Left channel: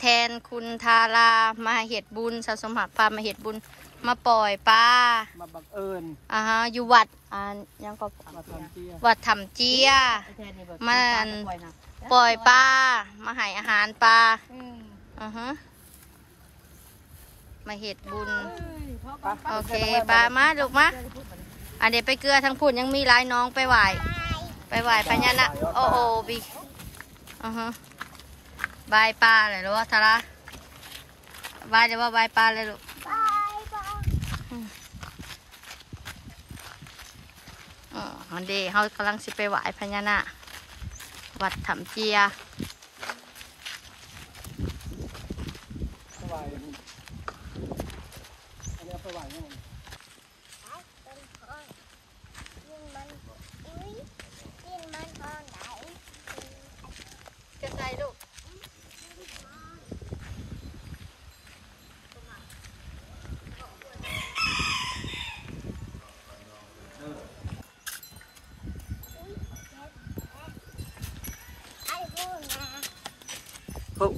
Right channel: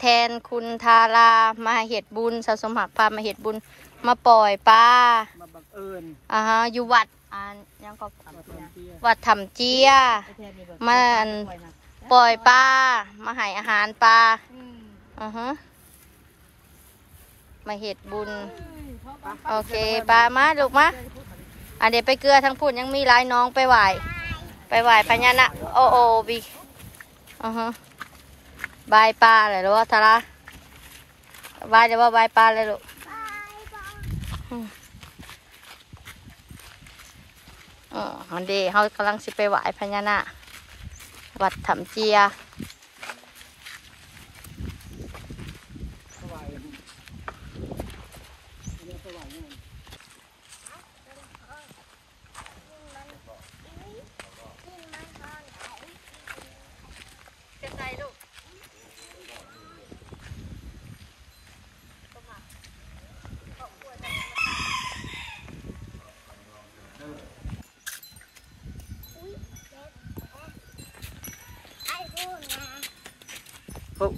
แทนคุณทารามาเห็ดบุญสะสมหักพามาเห็ดบุญมาปล่อยปลามาบังเอิญอยู่วัดยังก็วัดถ้ำเจียมาปล่อยปลามาให้อาหารปลามาเห็ดบุญโอเคปลามาลูกมาเดี๋ยวไปเกลือทั้งพูดยังมีหลายน้องไปไหวปัญญาณะโอบีบายปลาเลยหรือว่าทาราบายเดี๋ยวว่าบายปลาเลยลูกมันดีเขากำลังสิไปไหวพญานาควัดถ้ำเจีย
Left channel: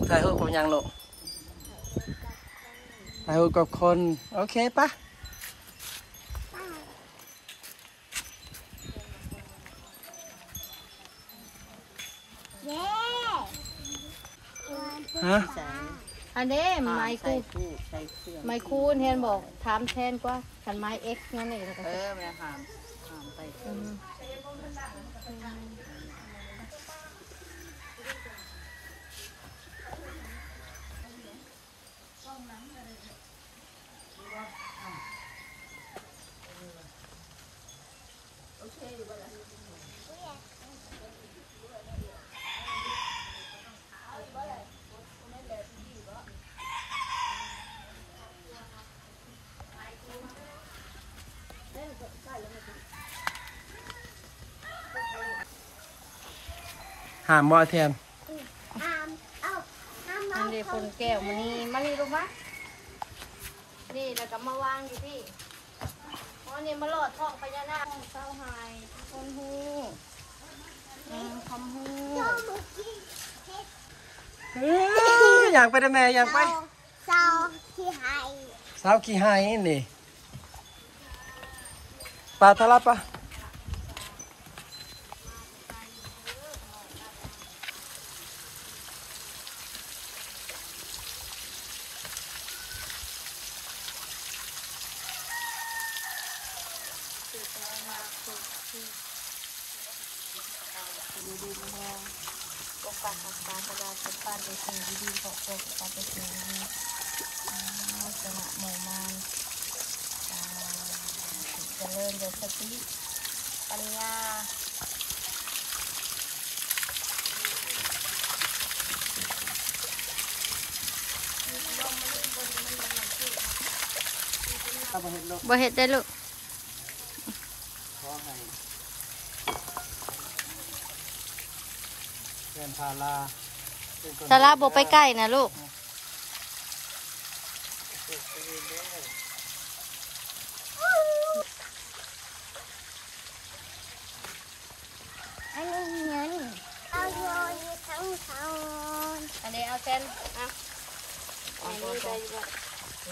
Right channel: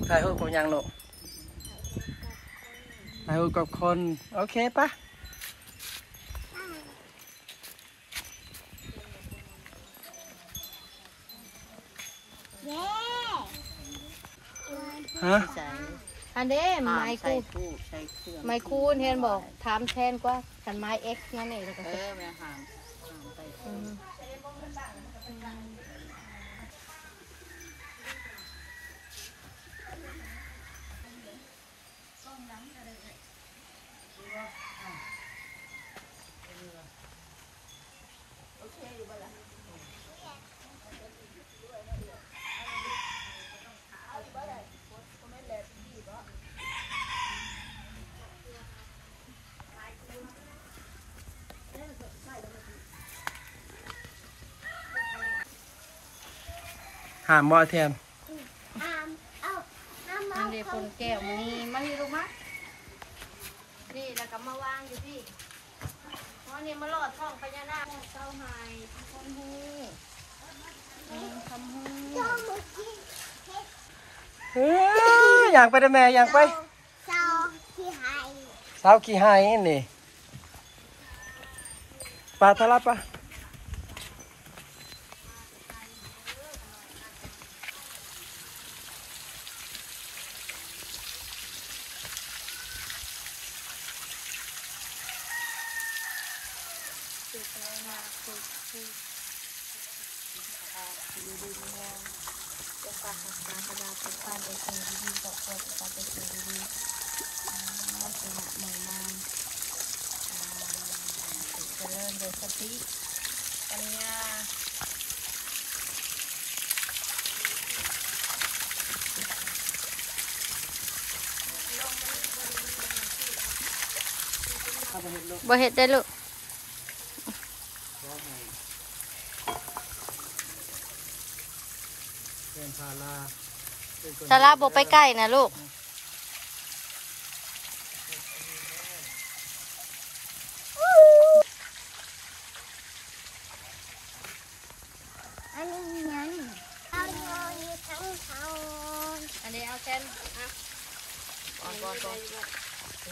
ถ่ายรูปกับยังลูกถ่ายรูปกับคนโอเคปะฮะอันเด้ไม้คูนเห็นบอกถามแทนกว่าขันไม้เอ็กซ์นั่นเองแม่หามไปหามบ่อแทนมันเดี๋ยวคนแก้วมันนี่ลูกมะนี่แล้วก็มาวางอยู่ที่วันนี้มาหลอดช่องพญานาคเศร้าหายคนหูคำหูอยากไปได้แม่อยากไปเศร้าขี้หายนี่ปลาทะลับปะดีๆมองลงปากปลาตลาดเป็นปลาเป็นสิ่งดีๆบอกปลาเป็นสิ่งดีๆลักษณะหมู่มานเจริญโดยสติปัญญาบ่เห็ดได้ลูกทาราบอกไปใกล้นะลูกอันนี้เงินเอาโยนทั้งทอนอันนี้เอาเส้นนะก่อน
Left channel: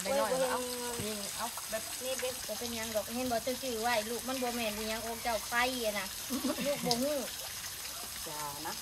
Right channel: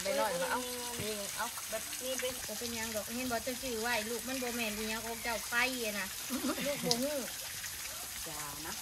ไปหน่อยเอานี่เอาแบบนี้เป็นยังดอกเห็นบอกจะซื้อไว้ลูกมันโบแมนอียังองเจ้าไปนะลูกโบหูอย่านะ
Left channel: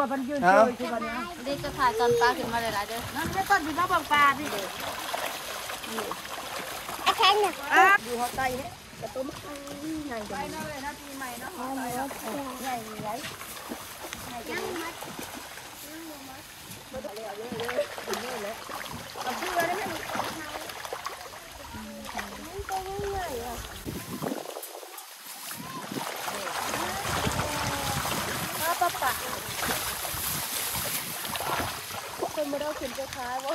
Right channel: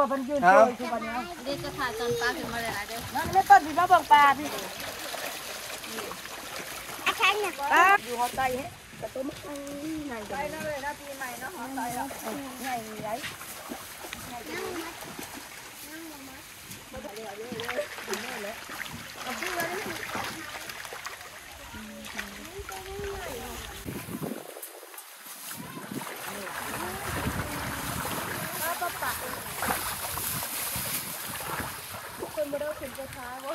คนมันยืน เอา สบาย เด็กก็ขาดตอนปลาถึงมาเลยละเดี๋ยว นั่นเป็นต้นที่เราบังปลาพี่เด็ก อาจารย์เนี่ย อยู่ห้องใต้เนี่ย นั่งมัดคนไม่ได้ขึ้นจะท้าว่า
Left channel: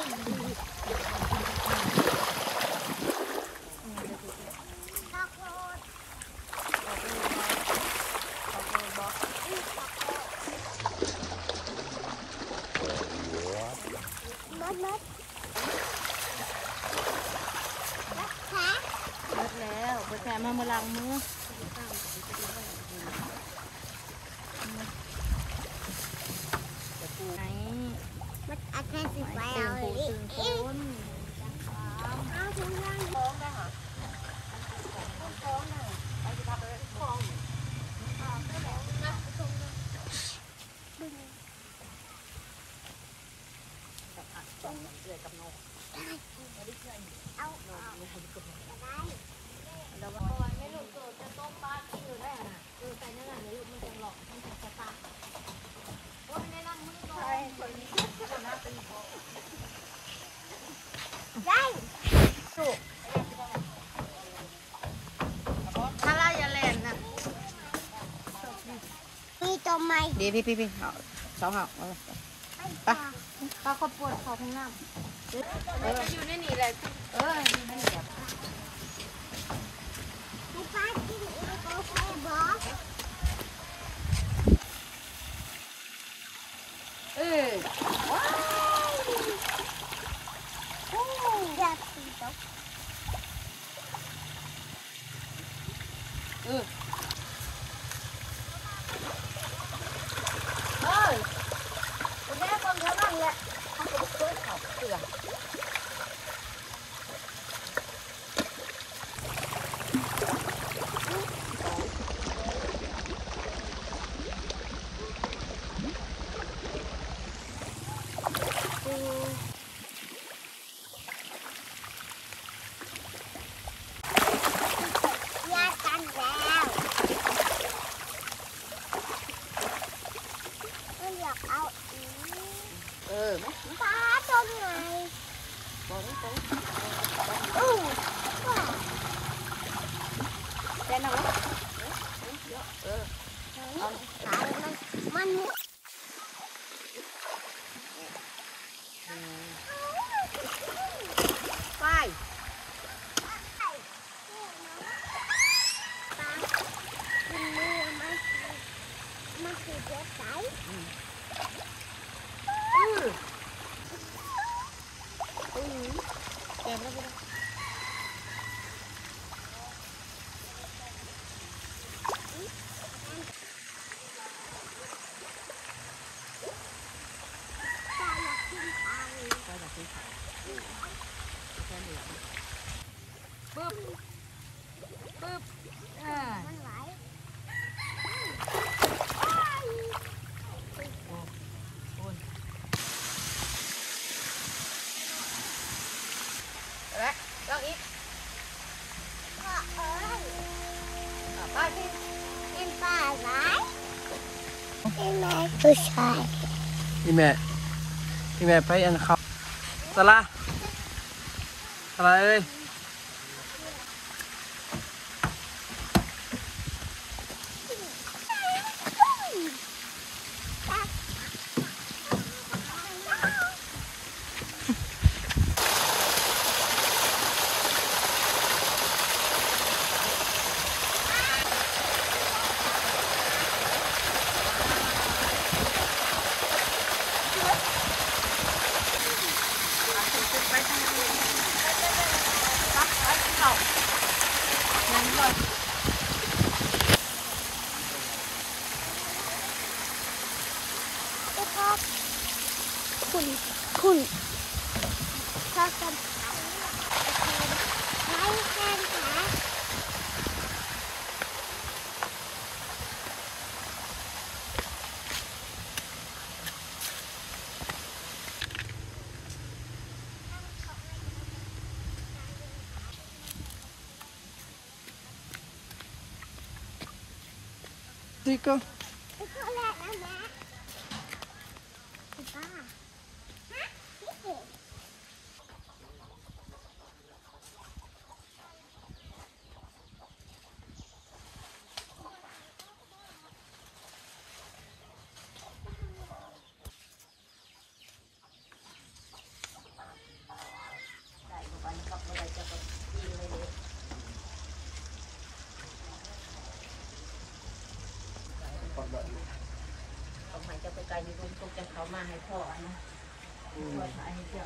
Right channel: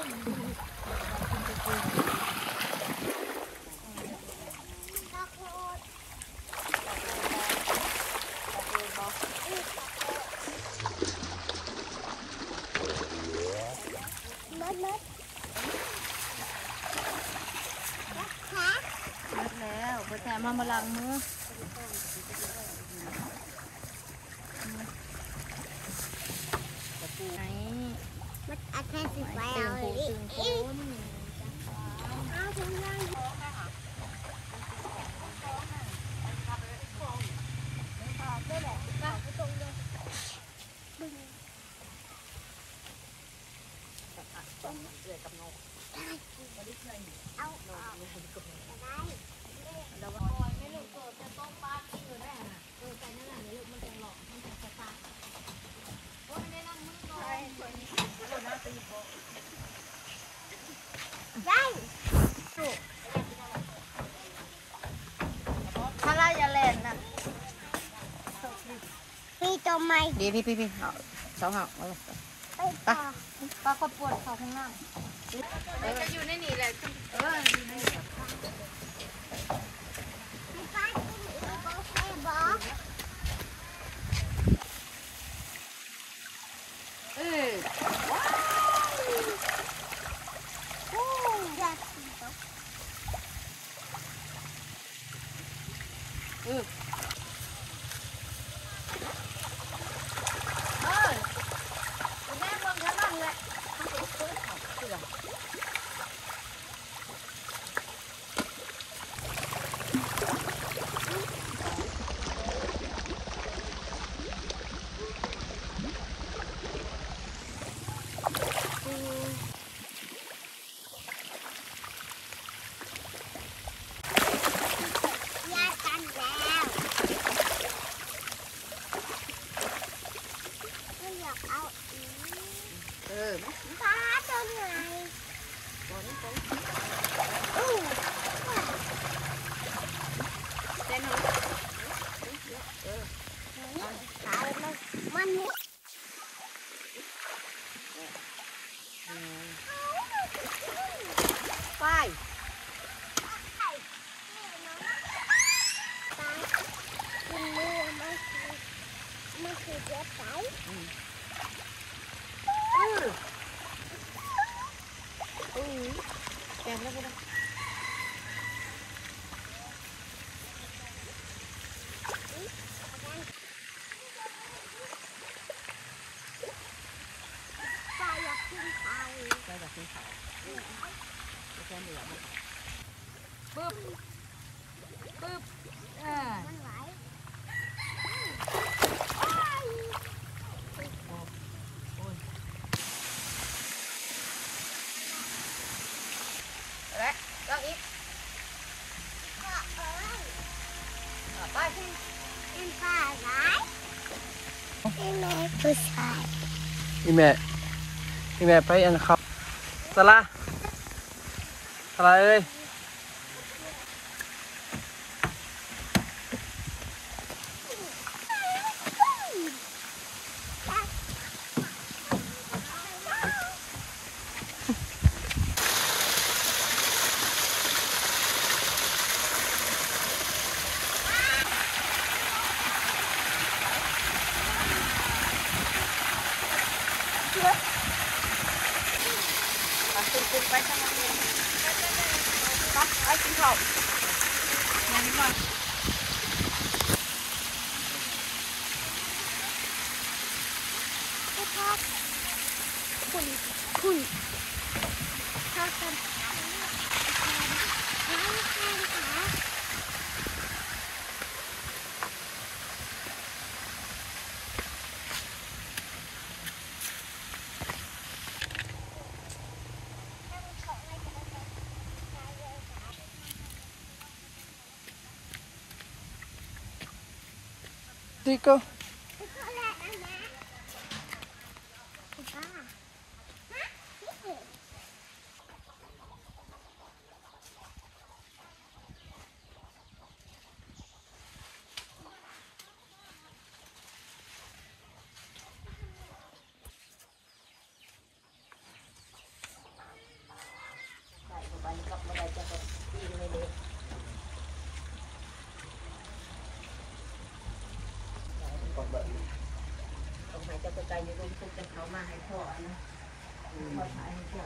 มัดขา เลิกแล้วพอแถมมาล้างมือไหน มัดอาจารย์สิไปเอาเลยเอาถุงยางเอาออกได้ แล้วว่าไม่รู้เกิดจะต้มปลาที่อยู่ได้น่ะใส่นั่นน่ะนี่มันจะหลอกมันจะสตาร์ทโอ้ยแนะนำมือก่อน ได้ ถ้าไล่ยาแลนนะ มีตัวใหม่ ดีพี่สองห่อ ไป ปลาข้าวปวดเขาข้างหน้าจะอยู่ในนี่แหละเออ ลูกค้าที่หนูเขาใช้บอก อยากสีตก เฮ้ยแม่คนรู้บ้างเนี่ย ยากกันแล้วก็อยากเอาอีกปลาตัวไหนอู้เป็นอะไรขายมันไป กินมือมันคือเจ็บใจ แกมแล้วพี่ ใจอยากกินไข่ ปึ๊บอ่า มันไหว แล้วลองอีก ก็เอ้ย ไป กินข้าวไหมกินแม่ผู้ชาย อีแม่ไปอันเขาสละเอ้ย นั่งก่อน ก็ชอบคุณชอบกันไล่แข้งขา sticker. It's all that and that. Papa. Huh? This is.ต้องให้เจ้าไก่ยืนตุกกันเขามาให้พ่อนะพ่อถ่ายให้เจ้า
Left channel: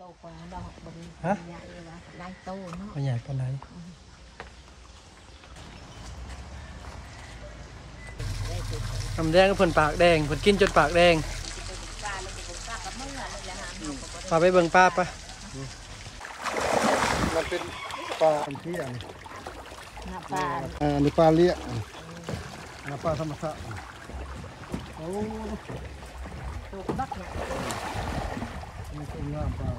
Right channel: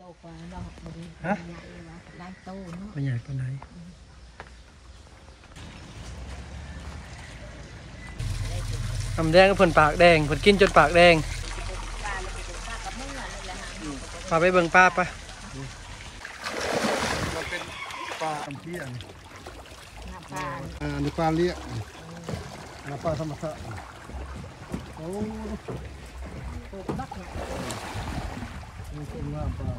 โตกว่าดอกบริใหญ่ละลายโตเนาะ มันใหญ่ปานไหนน้ำแดงก็เพิ่นปากแดงเพิ่นกินจนปากแดง ปลาเลยเป็นปลากับเมื่อเลยแหละฮะ พาไปเบิ่งป้าปะ มันเป็นปลาอันที่อัน ปลา อันนี้ปลาเลี้ยอันปลาธรรมชาติโอ้ ตัวบักเนี่ย นี่เป็นน้ำปลา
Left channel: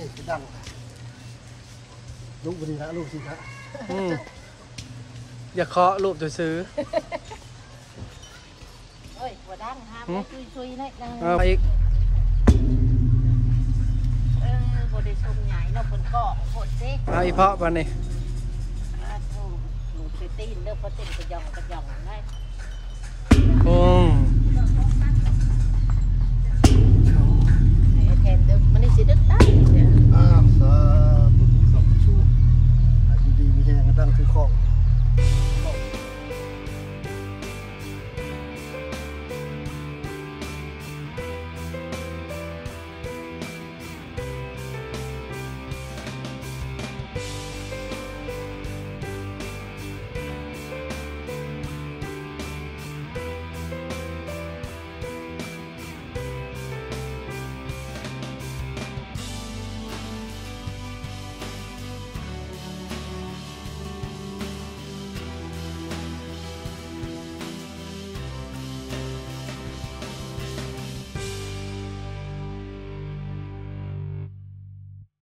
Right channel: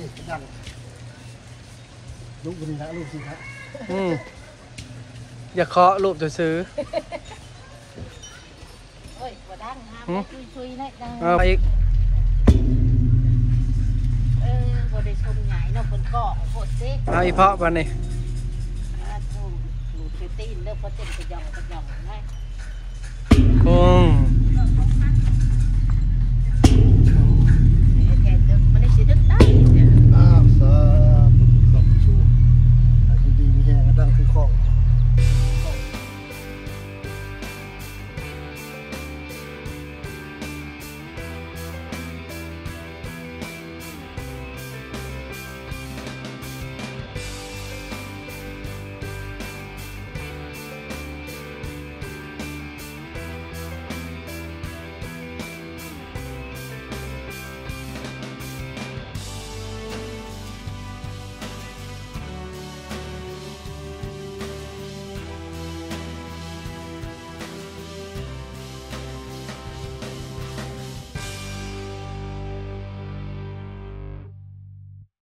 นี่จะดังลูกวันนี้ละลูกสิครับ อย่าเคาะรูปจะซื้อ เอ้ยหัวดังฮะซุยๆนะดัง เอาไปอีก บริชมใหญ่เนาะคนก็โคตรซิ เอาอีเพาะปะนี่ ถูกหลุดไปตีนเลิกพอเต้นกระยองได้ คง แทนเดิมมันได้สิดึกได้